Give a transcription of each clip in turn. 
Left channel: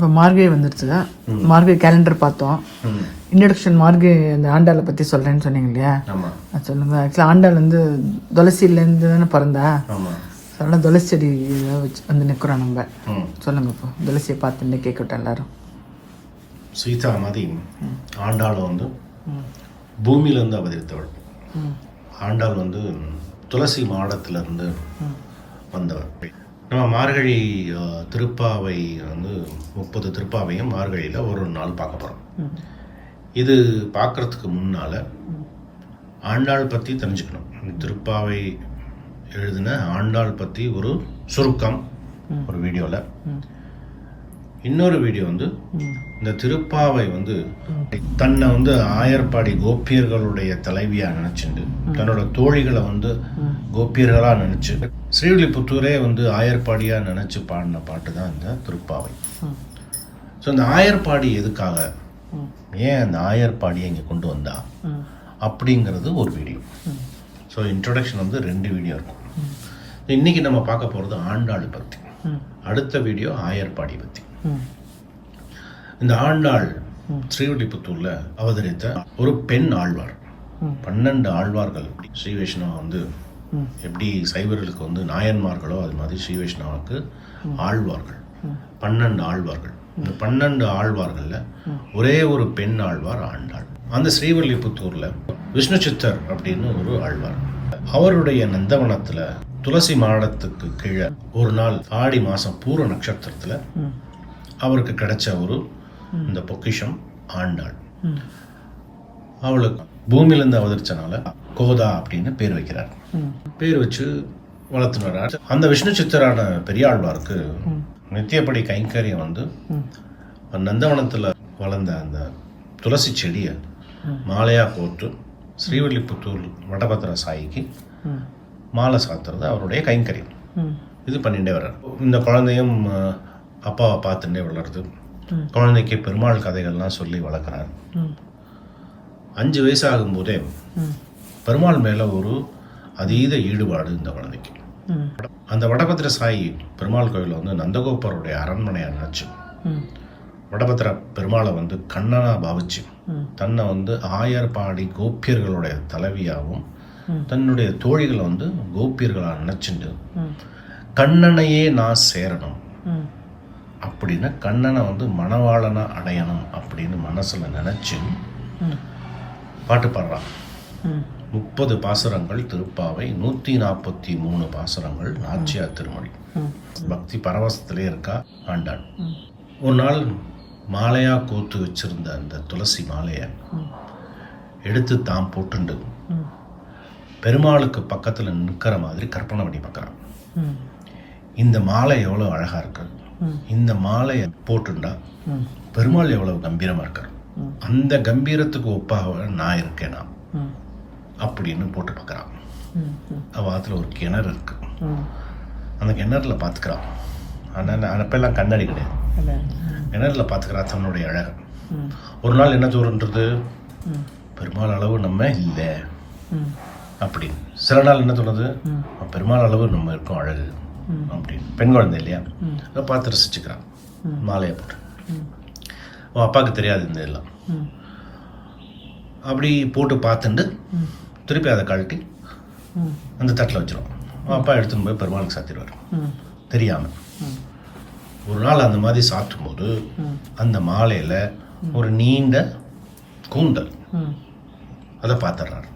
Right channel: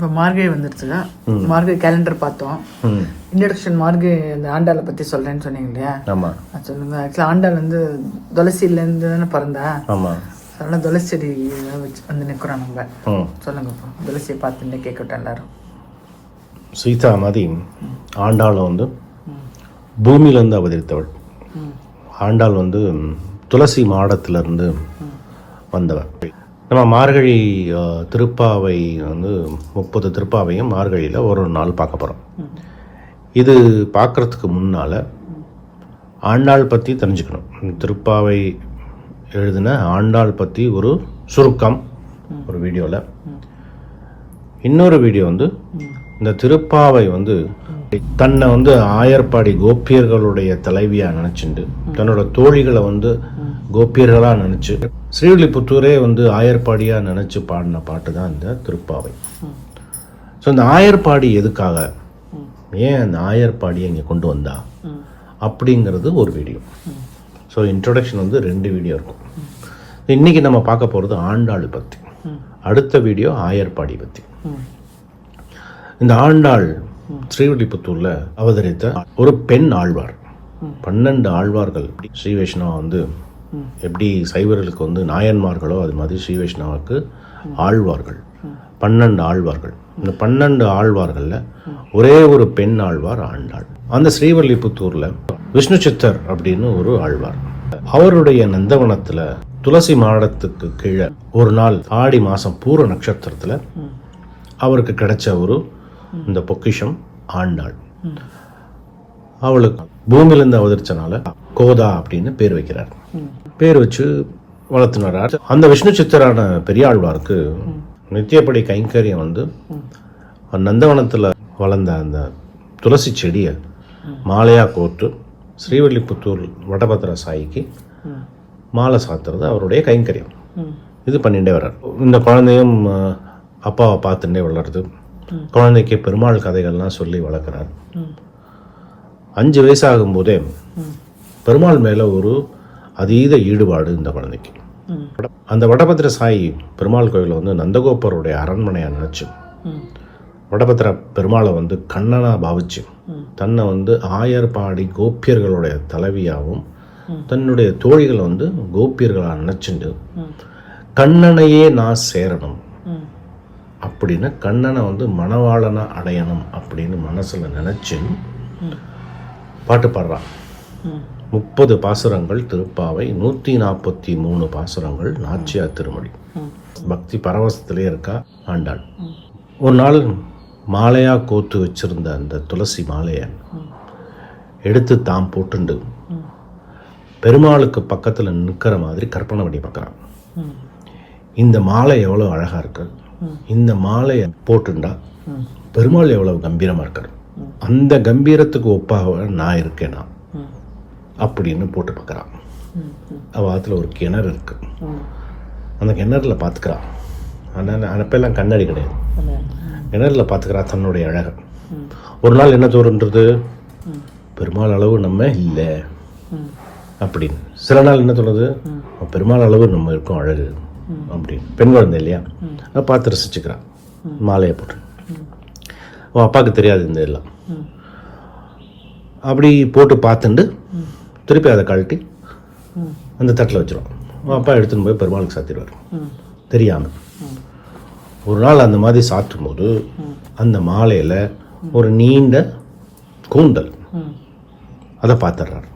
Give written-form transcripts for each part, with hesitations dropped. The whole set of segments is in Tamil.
இப்போ மார்கழி வந்துருச்சு. மார்கழி கேலண்டர் பார்த்தோம். இன்ட்ரடக்ஷன் மார்கழி இந்த ஆண்டாளை பற்றி சொல்கிறேன்னு சொன்னீங்க இல்லையா? ஆமாம். சொல்லுங்க. ஆக்சுவலாக ஆண்டாள் வந்து துளசியிலேருந்து தானே பிறந்தேன். ஆமாம். அதெல்லாம் துளசி செடி வச்சு வந்து நிற்கிறோம் நம்ம. சொல்லுங்கப்பா, துளசியை பார்த்து கேட்கட்டும் எல்லாரும். சீதா மாதிரி ஆண்டாள் வந்து பூமியிலேருந்து அவதரித்தவள். ஆண்டாள் வந்து துளசி மாடத்திலிருந்து வந்தவர். நம்ம மார்கழி திருப்பாவை வந்து 30 திருப்பாவையும் மார்கழியில் ஒரு நாள் பார்க்க போகிறோம். இது பார்க்குறதுக்கு முன்னால் ஆண்டாள் பற்றி தெரிஞ்சுக்கணும். திருப்பாவை எழுதின ஆண்டாள் பற்றி ஒரு சுருக்கம் ஒரு வீடியோவில். இன்னொரு வீடியோ வந்து இந்த திருப்பாவை வந்து தன்னை வந்து ஆயர்பாடி கோபியர்களுடைய தலைவியாக நினச்சிண்டு தன்னோட தோழிகளை வந்து கோபியர்களாக நினச்சி ஸ்ரீவில்லிபுத்தூரே வந்து ஆயர்பாடியாக நினச்சி பாடின பாட்டு தான் இந்த திருப்பாவை. ஸோ இந்த ஆயர்பாடி எதுக்காக, ஏன் அந்த ஆயர்பாடியை இங்கே கொண்டு வந்தா அப்படிங்கிறது ஒரு வீடியோ. ஸோ இன்ட்ரொடக்ஷன் வந்து 2 வீடியோ இருக்கும். இன்றைக்கி நம்ம பார்க்க போகிறது ஆண்டாள் பற்றி, அடுத்த வீடியோ ஆயர்பாடி பற்றி. இந்த ஆண்டாள் ஸ்ரீவில்லிபுத்தூரில் அவதரித்த ஒரு பெண் ஆழ்வார். 12 ஆழ்வார்கள். ஸ்ரீ வைஷ்ணவா வந்து எப்படி சைவர்களுக்கு வந்து நாயன்மார்களோ அது மாதிரி ஸ்ரீ வைஷ்ணவாவுக்கு ஆழ்வார்கள் 12 ஆழ்வார்கள். இந்த 12 ஆழ்வார்களில் ஒரே ஒரு பெண் ஆழ்வார் ஆண்டாள். அந்த ஸ்ரீவில்லிபுத்தூரில் விஷ்ணு சித்தர் அப்படின்னு ஒரு ஆழ்வார். அவருடைய நந்தவனத்தில் துளசி மாடத்துக்கு கீழே ஒரு நாள் ஆடி மாதம் பூர நட்சத்திரத்தில் அவருக்கு கிடைச்ச ஒரு இந்த பொக்கிஷம் ஆண்டாள். அவளுக்கு பூமியிலிருந்து அவதரிச்சனால கோதா அப்படின்னு பேர் வைக்கிறார். பேர் வச்சு வளர்த்துனார். அந்த விஷ்ணு சித்தரான பெரியாழ்வாருக்கு நித்தியப்படி கைங்கரியம் வந்து நந்தவனத்தில் வளர்ந்த அந்த துளசி செடியை மாலையாக கோர்த்து ஸ்ரீவில்லிபுத்தூர் வடபத்திர சாயிக்கு மாலை சாத்துறது அவருடைய கைங்கரியம். இது பண்ணிட்டே வர்றார். இந்த குழந்தையும் அப்பாவை பார்த்துட்டே வளருது. குழந்தைக்கு பெருமாள் கதைகள்லாம் சொல்லி வளர்க்குறார். 5 வயசாகும் போதே பெருமாள் மேலே ஒரு அதீத ஈடுபாடு இந்த குழந்தைக்கு. அந்த வடபத்திர சாயி பெருமாள் கோயிலை வந்து நந்தகோபருடைய அரண்மனையாக நினச்சி வடபத்திர பெருமாளை வந்து கண்ணனா பாவிச்சு தன்னை வந்து ஆயர்பாடி கோபியர்களுடைய தலைவியாகவும் தன்னுடைய தோழிகளை வந்து கோபியர்களாக நினச்சிண்டு கண்ணனையே நான் சேரணும் அப்படின்னு, கண்ணனை வந்து மணவாளனா அடையணும் அப்படின்னு மனசில் நினச்சி பாட்டு பாடுறான். 30 பாசுரங்கள் திருப்பாவை, 143 பாசுரங்கள் நாச்சியார் திருமொழி. பக்தி பரவசத்திலே இருக்கா ஆண்டாள். ஒரு நாள் மாலையாக கோத்து வச்சிருந்த அந்த துளசி மாலையை எடுத்து தாம் போட்டுண்டு பெருமாளுக்கு பக்கத்தில் நிற்கிற மாதிரி கற்பனை பண்ணி பார்க்குறான். இந்த மாலை எவ்வளோ அழகாக இருக்கு, இந்த மாலையை போட்டுண்டா பெருமாள் எவ்வளவு கம்பீரமாக இருக்கார், அந்த கம்பீரத்துக்கு ஒப்பாக நான் இருக்கேனா அப்படின்னு போட்டு பார்க்குறான். அவத்துல ஒரு கிணறு இருக்கு. அந்த கிணறுல பார்த்துக்கிறான். அப்பெல்லாம் கண்ணாடி கிடையாது. கிணறுல பார்த்துக்கிறா தன்னுடைய அழகை. ஒரு நாள் என்ன தோன்றுன்றது, பெருமாள் அளவு நம்ம இல்லை அப்படின்னு. சில நாள் என்ன தோணுது, பெருமாள் அளவு நம்ம இருக்கோம் அழகு அப்படின்னு. பெண் குழந்தை இல்லையா, அதை பார்த்து ரசிச்சுக்கிறான். மாலையை போட்டு அவன் அப்பாவுக்கு தெரியாது இந்த எல்லாம். அப்படி போட்டு பார்த்துட்டு திருப்பி அதை கழட்டி அந்த தட்டில் வச்சிருவான். அவன் அப்பா எடுத்துன்னு போய் பெருமாளுக்கு சாத்திடுவார் தெரியாமல். ஒரு நாள் அந்த மாதிரி சாத்தும் போது அந்த மாலையில் ஒரு நீண்ட கூந்தல், அதை பார்த்துடுறாரு.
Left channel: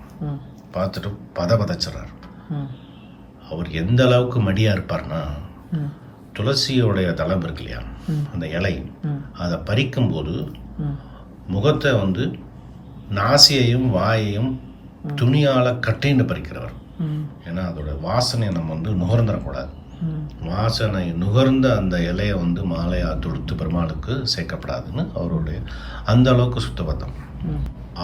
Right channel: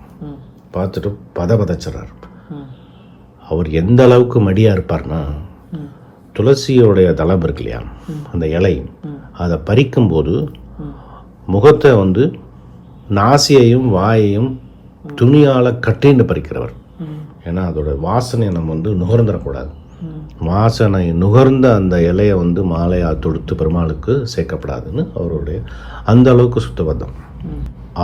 பார்த்துட்டு பதச்சிடுறாரு. அவர் எந்த அளவுக்கு மடியாக இருப்பார்னா, துளசியோடைய தளம் இருக்கு இல்லையா, அந்த இலை, அதை பறிக்கும்போது முகத்தை வந்து நாசியையும் வாயையும் துணியால் கட்டின்னு பறிக்கிறவர். ஏன்னா அதோட வாசனையை நம்ம வந்து நுகர்ந்துடக்கூடாது. வாசனை நுகர்ந்த அந்த இலையை வந்து மாலையாக தொடுத்து பெருமாளுக்கு சேர்க்கப்படாதுன்னு அவருடைய அந்த அளவுக்கு சுத்தபத்தம்.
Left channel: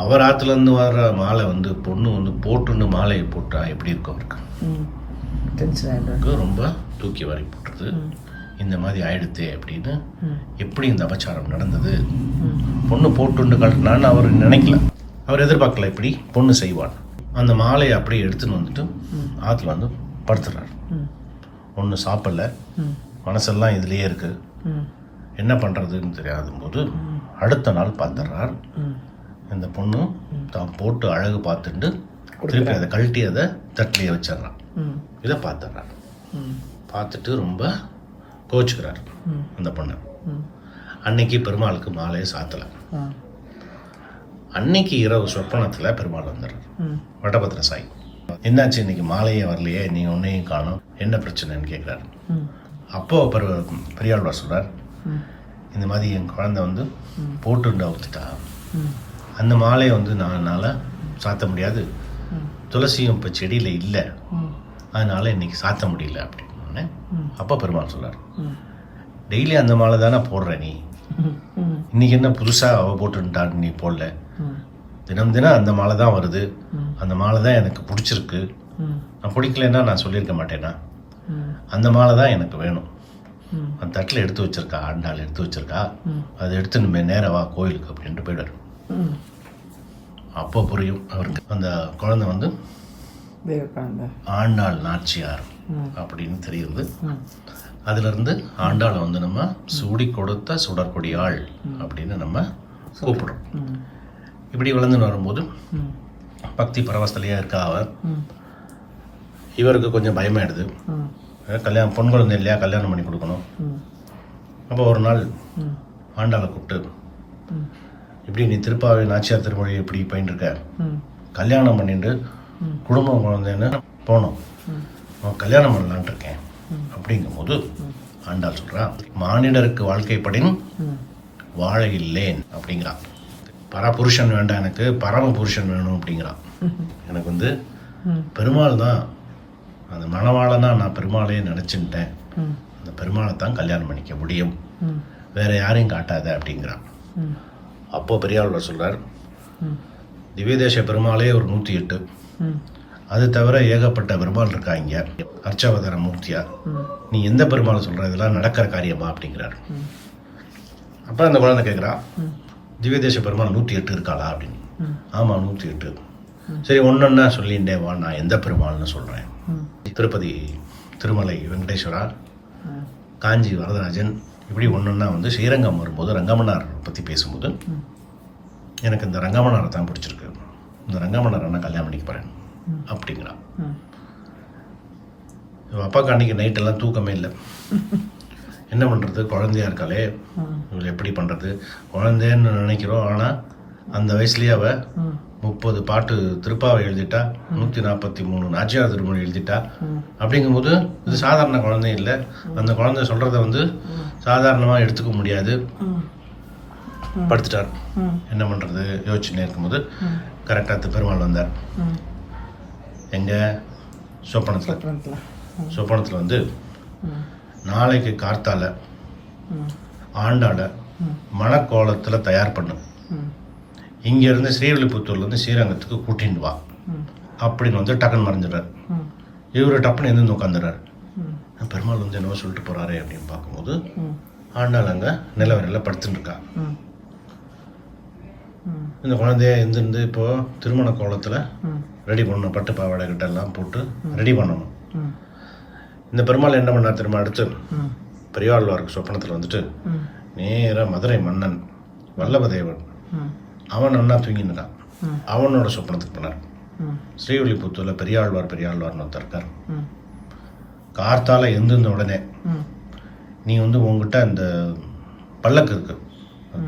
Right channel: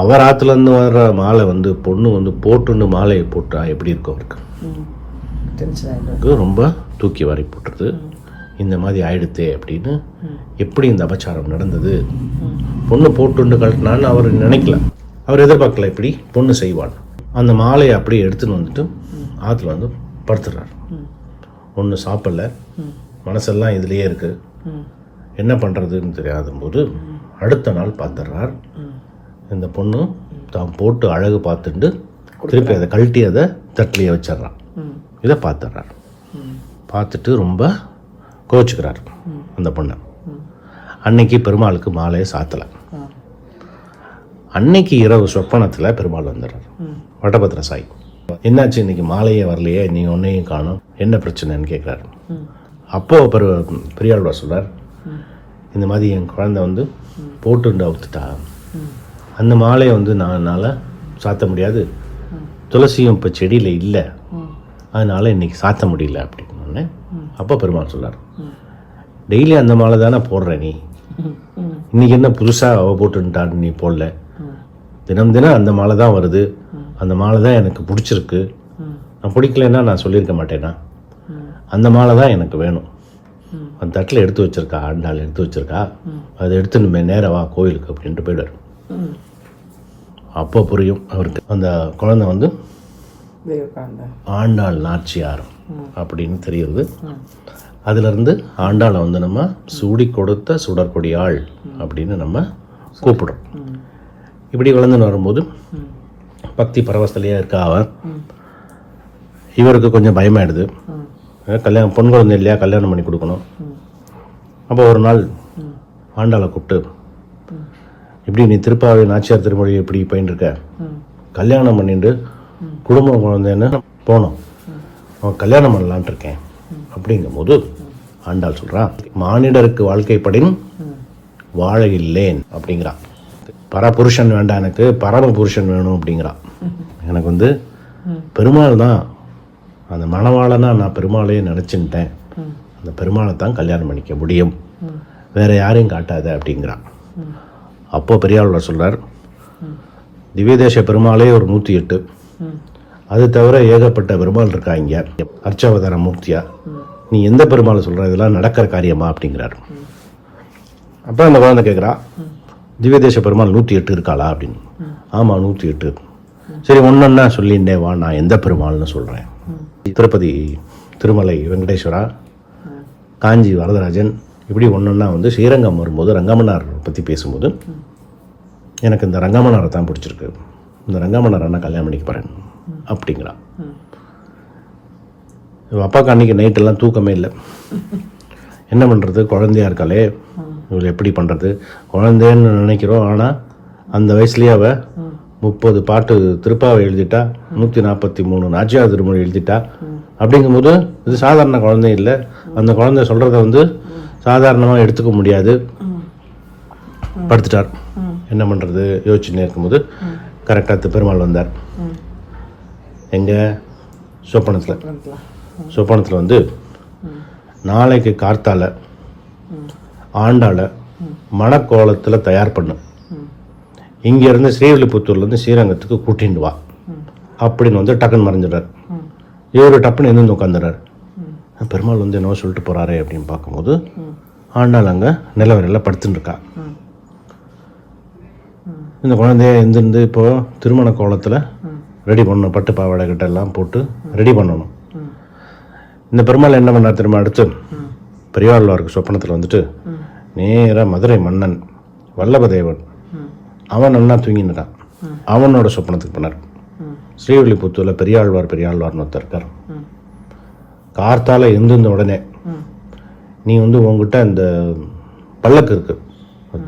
அவர் ஆற்றுலேருந்து வர்ற மாலை வந்து பொண்ணு வந்து போட்டுன்னு மாலையை போட்டா எப்படி இருக்கும் அவருக்கு, ரொம்ப தூக்கி வாரி போட்டுருது. இந்த மாதிரி ஆயிடுத்தே அப்படின்னு, எப்படி இந்த அபச்சாரம் நடந்தது, பொண்ணு போட்டுண்டு கழட்டினான்னு அவர் நினைக்கல. அவர் எதிர்பார்க்கல இப்படி பொண்ணு செய்வாள். அந்த மாலையை அப்படியே எடுத்துன்னு வந்துட்டு ஆற்றுல வந்து படுத்துடுறாரு. ஒன்றும் சாப்பிடல, மனசெல்லாம் இதுலேயே இருக்குது. என்ன பண்ணுறதுன்னு தெரியாத போது அடுத்த நாள் பார்த்துடுறார். இந்த பொண்ணு தான் போட்டு அழகு பார்த்துட்டு திருப்பி அதை கழட்டி அதை தட்டிலேயே வச்சிட்றான். இதை பார்த்துடுறார். பார்த்துட்டு ரொம்ப கோச்சிக்கிறார் அந்த பொண்ணை. அன்னைக்கு பெருமாளுக்கு மாலையை சாத்தலை. அன்னைக்கு இரவு சொப்பனத்தில் பெருமாள் வந்துடுறார். வடபத்திர சாய், என்னாச்சு இன்னைக்கு மாலையே வரலையே, நீ ஒன்னையும் காணும், என்ன பிரச்சனைன்னு கேட்குறாரு. அப்போது பெரியாழ்வார் சொல்கிறார், இந்த மாதிரி என் குழந்தை வந்து போட்டுண்டு அவுத்துட்டா, அந்த மாலையை வந்து என்னால் சாத்த முடியாது, துளசியும் இப்போ செடியில் இல்லை, அதனால் இன்னைக்கு சாத்த முடியல அப்படின்னு. அப்போ பெருமாள் சொல்கிறார், டெய்லி அந்த மாலை தானே போடுற நீ, இன்னைக்கு என்ன புதுசாக அவள் போட்டுட்டான்னு நீ போடல, தினம் தினம் அந்த மாலை தான் வருது, அந்த மாலை தான் எனக்கு பிடிச்சிருக்கு, நான் பிடிக்கலன்னா நான் சொல்லியிருக்க மாட்டேனா, அந்த மாலை தான் எனக்கு வேணும், அந்த தட்டில் எடுத்து வச்சிருக்கா, ஆண்டாள் எடுத்து வச்சிருக்கா, அதை எடுத்துன்னு நேராக வா கோயிலுக்கு அப்படின்ட்டு போயிடுவார். அப்போ புரியும் அவருக்கு அந்த குழந்தை வந்து ஆண்டாள் நாச்சியார் அப்படின்னு தெரியுது. அதுலேருந்து ஆண்டாளை வந்து நம்ம சூடி கொடுத்த சுடற்கொடியாள் அப்படின்னு நம்ம கூப்பிடுறோம். இப்படி வளர்ந்துன்னு வரும்போது பக்தி பரவசலையாக இருக்கா அவ. இவருக்கு கொஞ்சம் பயமாயிடுது, கல்யாணம் பொன் குழந்தை இல்லையா, கல்யாணம் பண்ணி கொடுக்கணும். அப்போ ஒரு நாள் ஆண்டாளை கூப்பிட்டு, இப்படி நீ திருப்பாவை நாச்சியார் திருமொழி எப்படி போயின்னு இருக்க, கல்யாணம் பண்ணிட்டு குடும்பம் குழந்தைன்னு போனோம், அவன் கல்யாணம் பண்ணலான்ட்டு இருக்கேன் அப்படிங்கும்போது ஆண்டாள் சொல்கிறான், மானிடருக்கு வாழ்க்கைப்படின் வாழ இல்லேன் அப்படிங்கிறான். பரபுருஷன் வேண்டாம், எனக்கு பரம புருஷன் வேணும் அப்படிங்கிறான். எனக்கு வந்து பெருமாள் தான் அந்த மணவாளனா, நான் பெருமாளையே நினச்சின்ட்டேன், அந்த பெருமாளை தான் கல்யாணம் பண்ணிக்க முடியும், வேற யாரையும் காட்டாத அப்படிங்கிறான். அப்போ பெரியாழ்வார் சொல்றார், திவ்யதேச பெருமாளே ஒரு 108, அது தவிர ஏகப்பட்ட பெருமாள் இருக்காங்க அர்ச்சாவதார மூர்த்தியா, நீ எந்த பெருமாளை சொல்ற, இதெல்லாம் நடக்கிற காரியமா அப்படிங்கிறார். அப்போ அந்த குழந்தை கேட்குறா, திவ்யதேச பெருமாள் 108 இருக்காளா அப்படின்னு. ஆமாம் 108. சரி ஒன்னொன்னா சொல்லிண்டே வா, நான் எந்த பெருமாள்னு சொல்கிறேன். திருப்பதி திருமலை வெங்கடேஸ்வரா, காஞ்சி வரதராஜன், இப்படி ஒன்றொன்னா வந்து ஸ்ரீரங்கம் வரும்போது ரங்கமன்னார் பற்றி பேசும்போது எனக்கு இந்த ரங்கமன்னாரை தான் பிடிச்சிருக்கு, இந்த ரங்கமன்னாரை நான் கல்யாணம் பண்ணிக்க போகிறேன் அப்படிங்கிறான். இவள் அப்பாவுக்கு அன்றைக்கி நைட்டெல்லாம் தூக்கமே இல்லை. என்ன பண்ணுறது, குழந்தையா இருக்காளே, இவளை எப்படி பண்ணுறது, குழந்தைன்னு நினைக்கிறோம், ஆனால் அந்த வயசுலேயே அவள் 30 பாட்டு திருப்பாவை எழுதிட்டா, 143 நாச்சியார் திருமொழி எழுதிட்டா. அப்படிங்கும்போது இது சாதாரண குழந்தை இல்லை, அந்த குழந்தை சொல்கிறத வந்து சாதாரணமாக எடுத்துக்க முடியாது. படுத்துட்டார். என்ன பண்ணுறது யோசிச்சுன்னே இருக்கும்போது கரெக்டாக பெருமாள் வந்தார். எங்கே சொப்பனத்தில் வந்து நாளைக்கு கார்த்தால ஆண்டாளை மணக்கோலத்தில் தயார் பண்ணும், இங்கேருந்து ஸ்ரீவில்லிபுத்தூர்லேருந்து ஸ்ரீரங்கத்துக்கு கூட்டிட்டு வா அப்படின்னு வந்து டக்குன்னு மறைஞ்சிடார். இவர் டப்புன்னு எந்த உட்காந்துறார். பெருமாள் வந்து என்னவோ சொல்லிட்டு போகிறாரே அப்படின்னு பார்க்கும்போது ஆண்டாள் அங்கே நிலவரையில் படுத்துட்டு இருக்கா. இந்த குழந்தைய எந்திருந்து இப்போது திருமண கோலத்தில் ரெடி பண்ணணும், பட்டு பாவாடை கிட்ட எல்லாம் போட்டு ரெடி பண்ணணும். இந்த பெருமாள் என்ன பண்ணார் திரும்ப, அடுத்து பெரியாழ்வாருக்கு சொப்பனத்தில் வந்துட்டு நேராக மதுரை மன்னன் வல்லபதேவன் அவன் நல்லா தூங்கினுக்கான், அவனோட சொப்பனத்துக்கு போனார். ஸ்ரீவில்லிபுத்தூரில் பெரியாழ்வார்னு ஒருத்தர் இருக்கார். கார்த்தால எழுந்திருந்த உடனே நீ வந்து உங்ககிட்ட இந்த பல்லக்கு இருக்கு,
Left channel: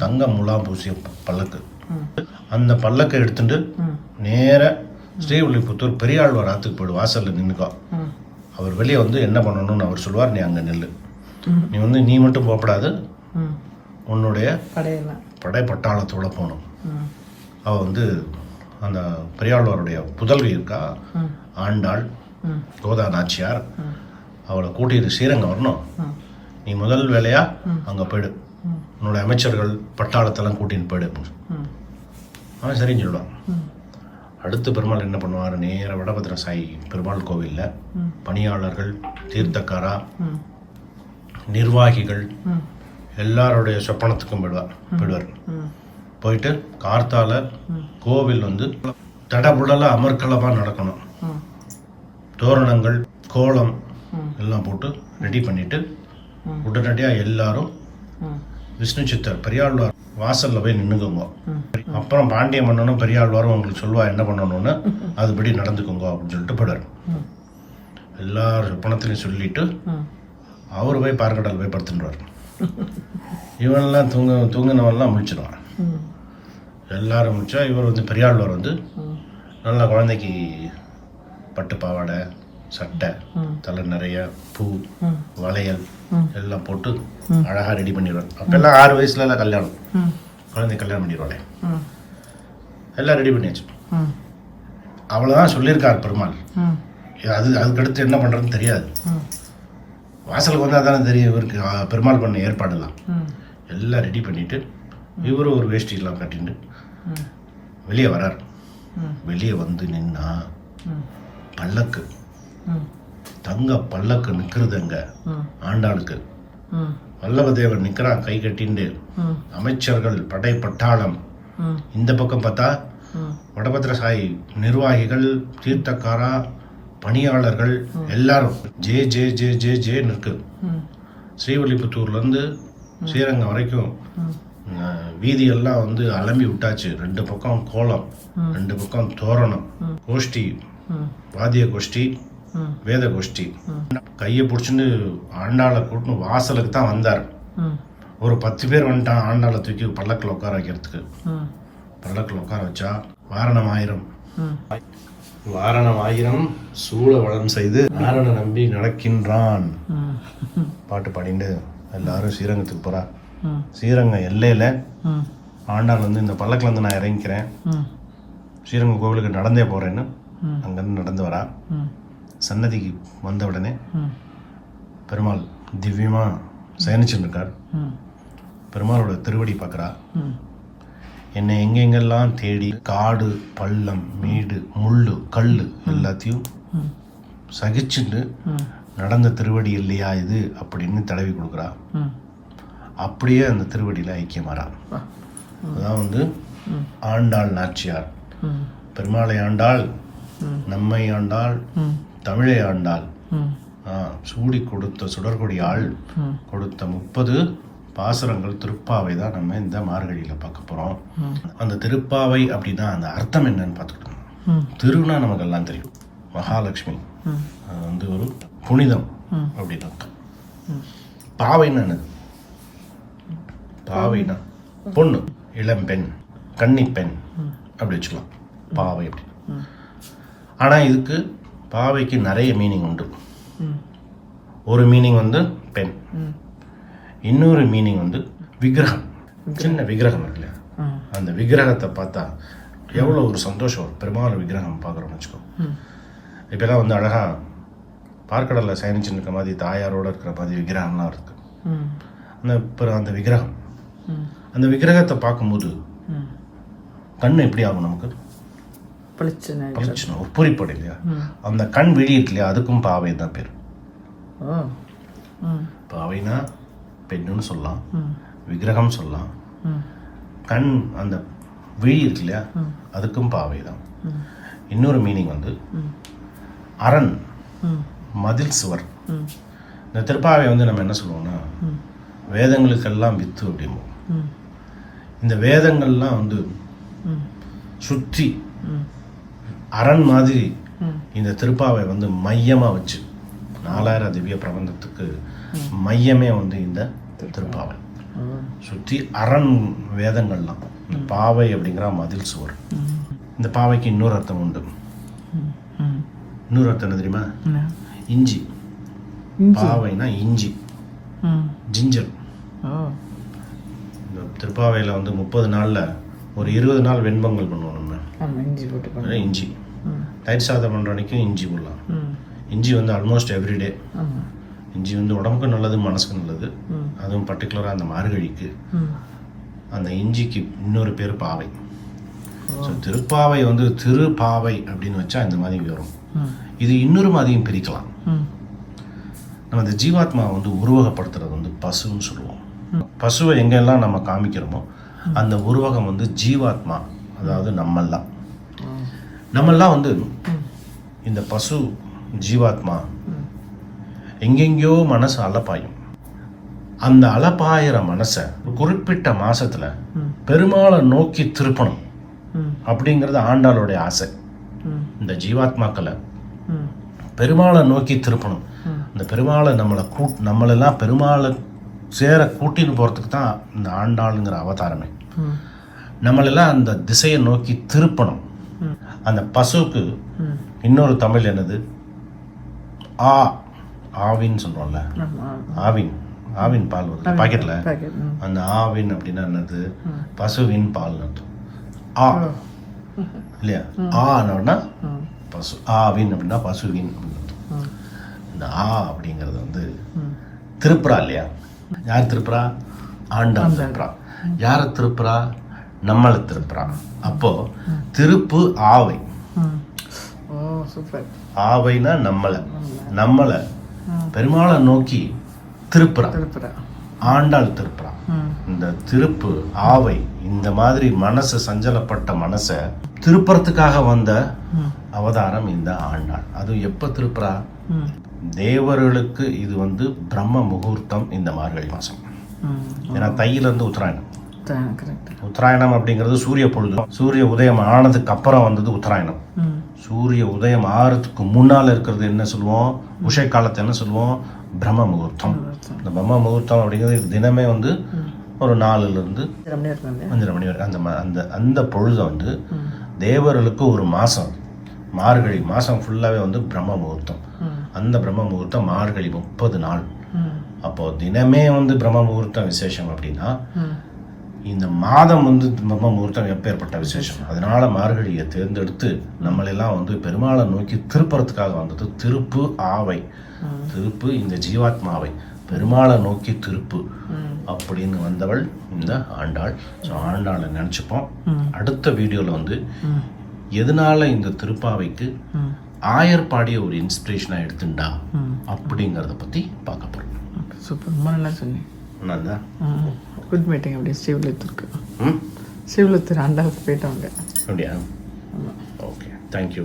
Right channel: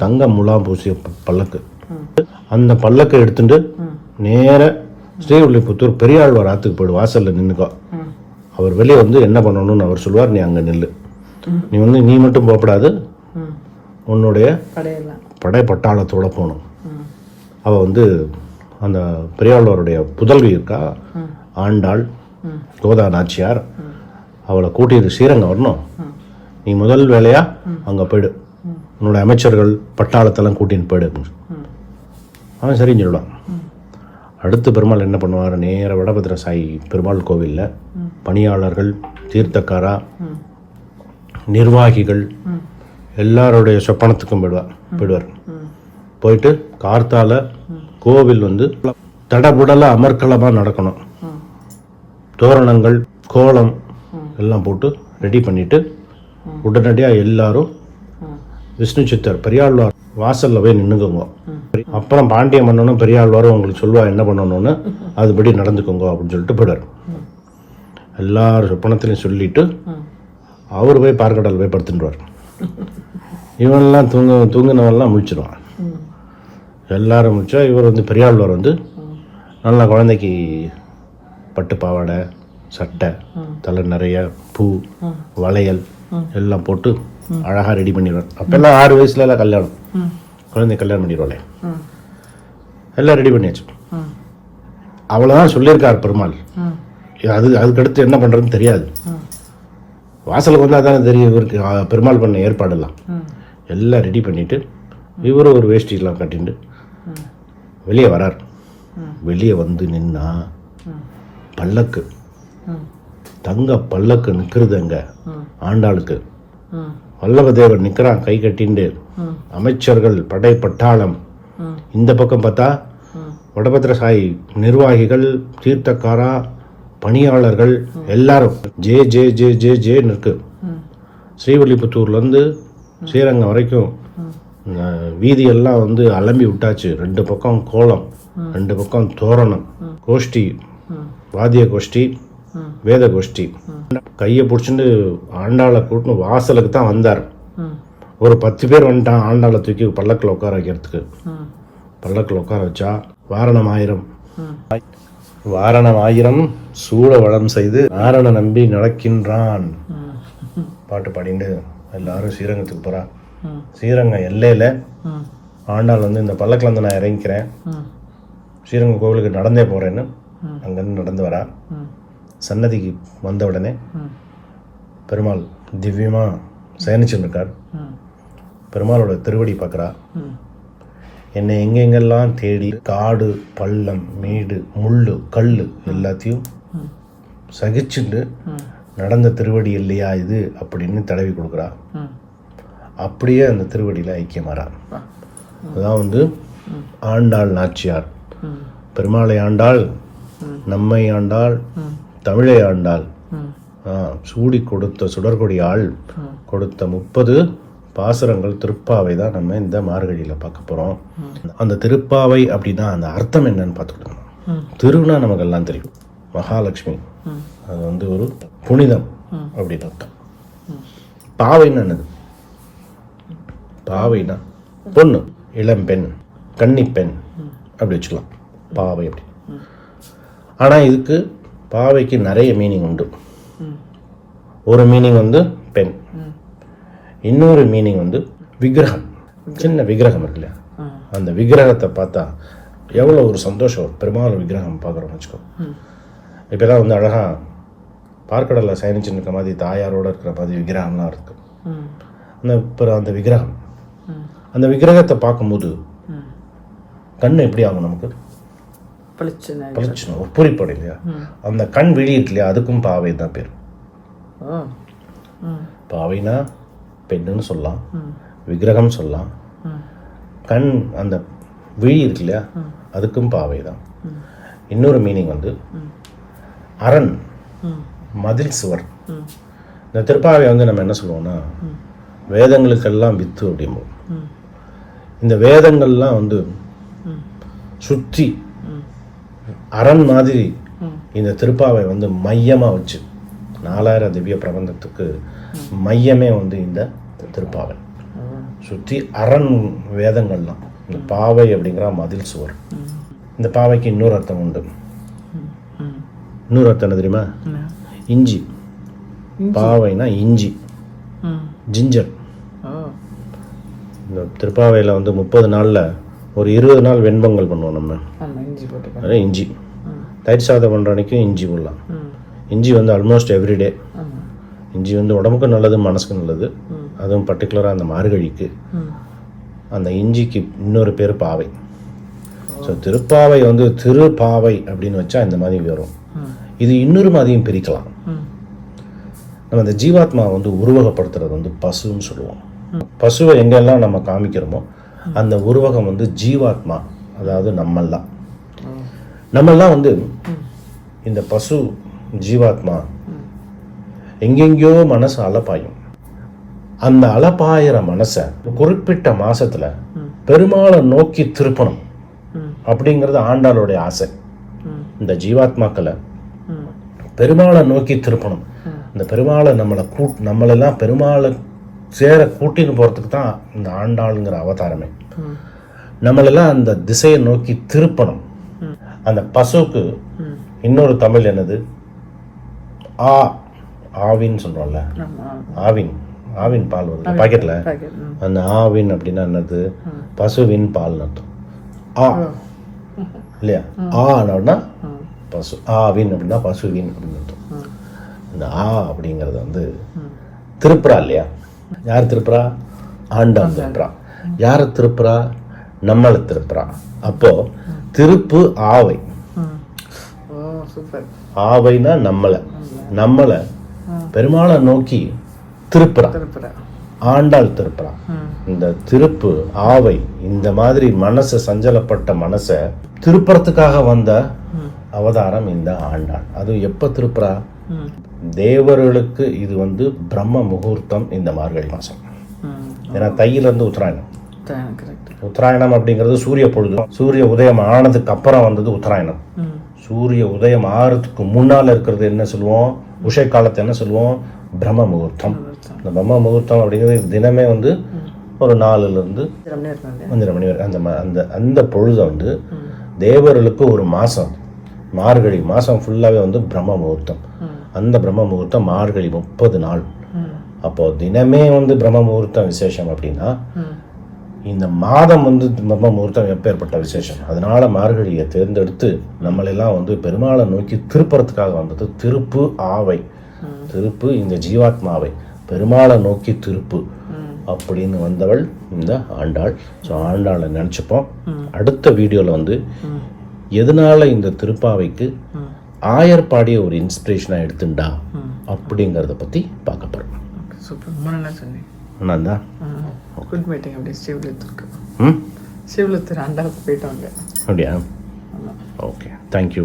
தங்க முலாம் பூசிய பல்லக்கு, அந்த பல்லக்கை எடுத்துட்டு நேர ஸ்ரீவில்லிபுத்தூர் பெரியாழ்வார் ஆற்றுக்கு போய்டு, வாசலில் நின்றுக்கோ. அவர் வெளியே வந்து என்ன பண்ணணும்னு அவர் சொல்லுவார், நீ அங்கே நில்லு. நீ வந்து நீ மட்டும் போகப்படாது, உன்னுடைய படை பட்டாளத்தோட போகணும். அவள் வந்து அந்த பெரியாழ்வாருடைய புதல்வி இருக்கா ஆண்டாள் கோதா நாச்சியார், அவளை கூட்டிட்டு ஸ்ரீரங்கம் வரணும். நீ முதல் வேலையாக அங்கே போய்டு, உன்னோட அமைச்சர்கள் பட்டாளத்தெல்லாம் கூட்டின்னு போய்டு அப்படின்னு. அவன் சரின்னு சொல்லுவான். அடுத்து பெருமாள் என்ன பண்ணுவார், நேர வடபத்திர சாய் பெருமாள் கோவிலில் பணியாளர்கள், தீர்த்தக்காரா, நிர்வாகிகள் எல்லாருடைய சொப்பனத்துக்கும் போயிடுவார். போயிட்டு கார்த்தால கோவில் வந்து தடபுடல அமர்க்கலமாக நடக்கணும். தோரணங்கள் கோலம் எல்லாம் போட்டு ரெடி பண்ணிட்டு உடனடியாக எல்லாரும் விஷ்ணு சித்தர் பெரியாழ்வார் வாசலில் போய் நின்றுக்குங்க. அப்புறம் பாண்டிய மன்னனும் பெரியாழ்வாரும் உங்களுக்கு சொல்லுவா என்ன பண்ணணும்னு, அதுபடி நடந்துக்கோங்க அப்படின்னு சொல்லிட்டு போயிடார். எல்லாரும் சொப்பனத்திலையும் சொல்லிட்டு அவர் போய் பார்க்கடல் போய் படுத்துட்டுவார். இவன்லாம் தூங்கினவெல்லாம் முழிச்சிடுவான். எல்லாரும் முடிச்சா இவர் வந்து பெரியாழ்வார் வந்து நல்லா குழந்தைக்கு பட்டு பாவாடை, சட்டை, தலை நிறைய பூ, வளையல் எல்லாம் போட்டு அழகாக ரெடி பண்ணிடுவார். அப்போல்லாம் 6 வயசுல எல்லாம் கல்யாணம், குழந்தை கல்யாணம் பண்ணிடுவாளே, எல்லாம் ரெடி பண்ணியாச்சு. அவ்வளோதான் சொல்லியிருக்கார் பெருமாள். அதுக்கடுத்து என்ன பண்ணுறதுன்னு தெரியாது. வாசலுக்கு வந்தால் தானே தெரியும் இவருக்கு பெருமாள் பண்ண ஏற்பாடெல்லாம். எல்லாம் ரெடி பண்ணிவிட்டு இவரும் ஒரு வேஷ்டிலாம் கட்டிட்டு வெளியே வரார். வெளியே வந்து நின்னா பல்லக்கு, தங்க பல்லக்கு நிற்கிறதுங்க ஆண்டாளுக்கு. வல்லபதேவர் நிற்கிறான் கை கட்டிண்டு. அமைச்சர்கள், படை பட்டாளம். இந்த பக்கம் பார்த்தா வடபத்திரசாயி நிர்வாகிகள், தீர்த்தக்காரா, பணியாளர்கள் எல்லாரும் ஜே ஜே ஜே ஜே ஜேன்னு இருக்கு. ஸ்ரீவில்லிபுத்தூர்லேருந்து ஸ்ரீரங்கம் வரைக்கும் வீதியெல்லாம் வந்து அலம்பி விட்டாச்சு. 2 பக்கம் கோலம், 2 பக்கம் தோரணம், கோஷ்டி, வாத்திய கோஷ்டி, வேத கோஷ்டி. கையை பிடிச்சிட்டு ஆண்டாளை கூட்டின்னு வாசலுக்கு தான் வந்தார். ஒரு 10 பேர் வந்துட்டான் ஆண்டாளை தூக்கி பல்லக்கில் உட்கார வைக்கிறதுக்கு. பல்லக்கில் உட்கார வச்சா வாரணம் ஆயிரம் சூழ வளம் செய்து நாரண நம்பி நடக்கின்றான் பாட்டு பாடிட்டு எல்லாரும் ஸ்ரீரங்கத்துக்கு போறா. ஸ்ரீரங்கம் எல்லையில ஆண்டாள் வந்து இந்த பல்லக்கில் வந்து நான் இறங்கிக்கிறேன், ஸ்ரீரங்கம் கோவிலுக்கு நடந்தே போறேன்னு அங்கேருந்து நடந்து வரா. சன்னதிக்கு வந்த உடனே பெருமாள் திவ்யமா சயனிச்சுன்னு இருக்கார். பெருமாளோட திருவடி பார்க்குறா. என்னை எங்கெங்கெல்லாம் தேடி காடு, பள்ளம், மேடு, முள்ளு, கல் எல்லாத்தையும் சகிச்சுட்டு நடந்த திருவடி இல்லையா இது அப்படின்னு தடவி கொடுக்குறா. அப்படியே அந்த திருவடியில் ஐக்கியமாறா. அதுதான் வந்து ஆண்டாள் நாச்சியார். பெருமாளை ஆண்டாள், நம்மை ஆண்டாள், தமிழை ஆண்டாள், சூடி கொடுத்த சுடர்கொடி ஆள் கொடுத்த 30 பாசுரங்கள் திருப்பாவை தான் நம்ம இந்த மார்கழியில் பார்க்க போகிறோம். அந்த திருப்பாவை அப்படின்னா அந்த அர்த்தம் என்னன்னு பார்த்துக்கிட்டோம். திருனா நமக்கெல்லாம் தெரியும், மகாலட்சுமி, அது வந்து ஒரு புனிதம் அப்படின்னு அர்த்தம். பாவைன்னா என்னது? பாவைனா பொண்ணு, இளம்பெண், கன்னிப்பெண் அப்படி வச்சுக்கலாம் பாவை அப்படி. ஆனால் இதுக்கு பாவைக்கு நிறைய மீனிங் உண்டு. ஒரு மீனிங் வந்து பெண், இன்னொரு மீனிங் வந்து விக்கிரகம். சின்ன விக்கிரகம் இருக்குல்ல, அந்த விக்கிரகத்தை பார்த்தா எவ்வளோ ஒரு சந்தோஷம் வரும். பெருமாள் விக்கிரகம் பார்க்குறோம்னு வச்சுக்கோ. இப்போலாம் வந்து அழகாக பார்க்கடலில் சயனிச்சுன்னு இருக்க மாதிரி தாயாரோடு இருக்கிற மாதிரி விக்கிரகம்லாம் இருக்கு. அந்த விக்கிரகம், அந்த விக்கிரகத்தை பார்க்கும்போது கண் எப்படி ஆகும் நமக்கு? பளிச்சுன்னு ஒரு பூரிப்படை இல்லையா? அந்த கண் விழி இருக்கு இல்லையா, அதுக்கும் பாவை தான் பேர். பாவைனா பெண்ணுன்னு சொல்லலாம், விக்கிரகம் சொல்லலாம். கண் அந்த விழி இருக்கு இல்லையா, அதுக்கும் பாவை தான். இன்னொரு மீனிங் வந்து அரண், மதில் சுவர். இந்த திருப்பாவை வந்து நம்ம என்ன சொல்லுவோம்னா வேதங்களுக்கெல்லாம் வித்து அப்படிம்போம். இந்த வேதங்கள்லாம் வந்து சுற்றி அரண் மாதிரி இந்த திருப்பாவை வந்து மையமாக வச்சு 4000 திவ்ய பிரபந்தத்துக்கு மையமே வந்து இந்த திருப்பாவை. சுற்றி அரண் வேதங்கள்லாம். இந்த பாவை அப்படிங்கிற மதில் சுவர். இந்த பாவைக்கு இன்னொரு அர்த்தம் உண்டு. இன்னொரு அர்த்தம் என்ன தெரியுமா? இஞ்சி. பாவைனா இஞ்சி, ஜிஞ்சர். இந்த திருப்பாவையில் வந்து 30 நாளில் ஒரு 20 நாள் வெண்பொங்கல் பண்ணுவோம் நம்ம. அதே இஞ்சி. தயிர் சாதம் பண்ணுற அன்றைக்கும் இஞ்சி போடலாம். இஞ்சி வந்து ஆல்மோஸ்ட் எவ்ரிடே. இஞ்சி வந்து உடம்புக்கும் நல்லது, மனசுக்கும் நல்லது. அதுவும் பர்டிகுலராக அந்த மார்கழிக்கு. அந்த இஞ்சிக்கு இன்னொரு பேர் பாவை. ஸோ திருப்பாவை வந்து திருப்பாவை அப்படின்னு வச்சா இந்த மாதிரி வரும். இது இன்னொரு மாதிரியும் பிரிக்கலாம். நம்ம இந்த ஜீவாத்மா வந்து உருவகப்படுத்துறது வந்து பசுன்னு சொல்லுவோம். பசுவை எங்கெல்லாம் நம்ம காமிக்கிறோமோ அந்த உருவகம் வந்து ஜீவாத்மா, அதாவது நம்மெல்லாம் வந்து இந்த பசு ஜீவாத்மா எங்கெங்கேயோ மனசு அலப்பாயும். அந்த அலப்பாயிர மனசை குறிப்பிட்ட மாசத்துல பெருமாளை நோக்கி திருப்பணும் அப்படிங்கிறது ஆண்டாளுடைய ஆசை. இந்த ஜீவாத்மாக்களை பெருமாளை நோக்கி திருப்பணும். இந்த பெருமாளை நம்மளெல்லாம் பெருமாளை சேர கூட்டின்னு போறதுக்கு தான் இந்த ஆண்டாளுங்கிற அவதாரமே. நம்மளெல்லாம் அந்த திசையை நோக்கி திருப்பணும். அந்த பசுவுக்கு இன்னொரு தமிழ் என்னது? ஆவின்னு சொல்றோம்ல, ஆவின் பால் வருது பாக்கெட்ல. அந்த ஆவின் அப்படின்னா என்னது? பசுவின் பால் அர்த்தம். இல்லையா? ஆனா பசு, ஆவின் அப்படின்னா பசுவின் அப்படின்னு அர்த்தம். இந்த அப்படிங்கிறது வந்து திருப்புறா இல்லையா? யார் திருப்புறா? ஆண்டாள் திருப்புறா. யாரை திருப்புறா? நம்மளை திருப்புறா. அப்போ திருப்பு ஆவை. ஆவைனா நம்மளை பெருமாளை நோக்கி திருப்புறா. ஆண்டாள் திருப்புறா. இந்த திருப்பு ஆவை இந்த மாதிரி மனசை சஞ்சலப்பட்ட மனசை திருப்புறத்துக்காக வந்த அவதாரம் இந்த ஆண்டாள். அது எப்ப திருப்புறா? தேவர்களுக்கு இது வந்து பிரம்ம முகூர்த்தம் இந்த மார்கழி மாசம். ஏன்னா தையில இருந்து உத்தராயணம். உத்தராயணம் அப்படிங்கிறது சூரிய பொழுது. சூரிய உதயம் ஆனதுக்கு அப்புறம் வந்தது உத்தராயணம். சூரிய உதயம் ஆறதுக்கு முன்னால இருக்கிறது என்ன சொல்லுவோம்? உஷை காலத்தை என்ன சொல்லுவோம்? பிரம்ம முகூர்த்தம். இந்த பிரம்ம முகூர்த்தம் அப்படிங்கிறது தினமே வந்து ஒரு 4 இருந்து 5:30 மணி வரை அந்த பொழுது வந்து தேவர்களுக்கு ஒரு மாசம், மார்கழி மாசம் ஃபுல்லாவே வந்து பிரம்ம முகூர்த்தம். அந்த பிரம்ம முகூர்த்தம் மார்கழி 30 நாள். அப்போ தினமே வந்து பிரம்ம முகூர்த்தம் விசேஷம் அப்படின்னா இந்த மாதம் வந்து பிரம்ம முகூர்த்தம் எப்பேற்பட்ட விசேஷம். அதனால மார்கழியை தேர்ந்தெடுத்து நம்மளெல்லாம் வந்து பெருமாளை நோக்கி திருப்புறத்துக்காக வந்தது திருப்பு ஆவை. திருப்பு இந்த ஜீவாத்மாவை பெருமாளை நோக்கி திருப்பு அப்படின்னு வந்தவள் இந்த ஆண்டாள். ஸோ ஆண்டாளை நினச்சிப்போம். அடுத்த வீடியோவில் வந்து எதனால இந்த திருப்பாவைக்கு ஆயர் பாடிய ஒரு இன்ஸ்பிரேஷனா எடுத்துண்டா அப்படிங்கறத பத்தி பார்க்க போறோம். என்னதான் சிவலத்தூர் ஆண்டாளுக்கு போயிட்டோம். Okay, thank you.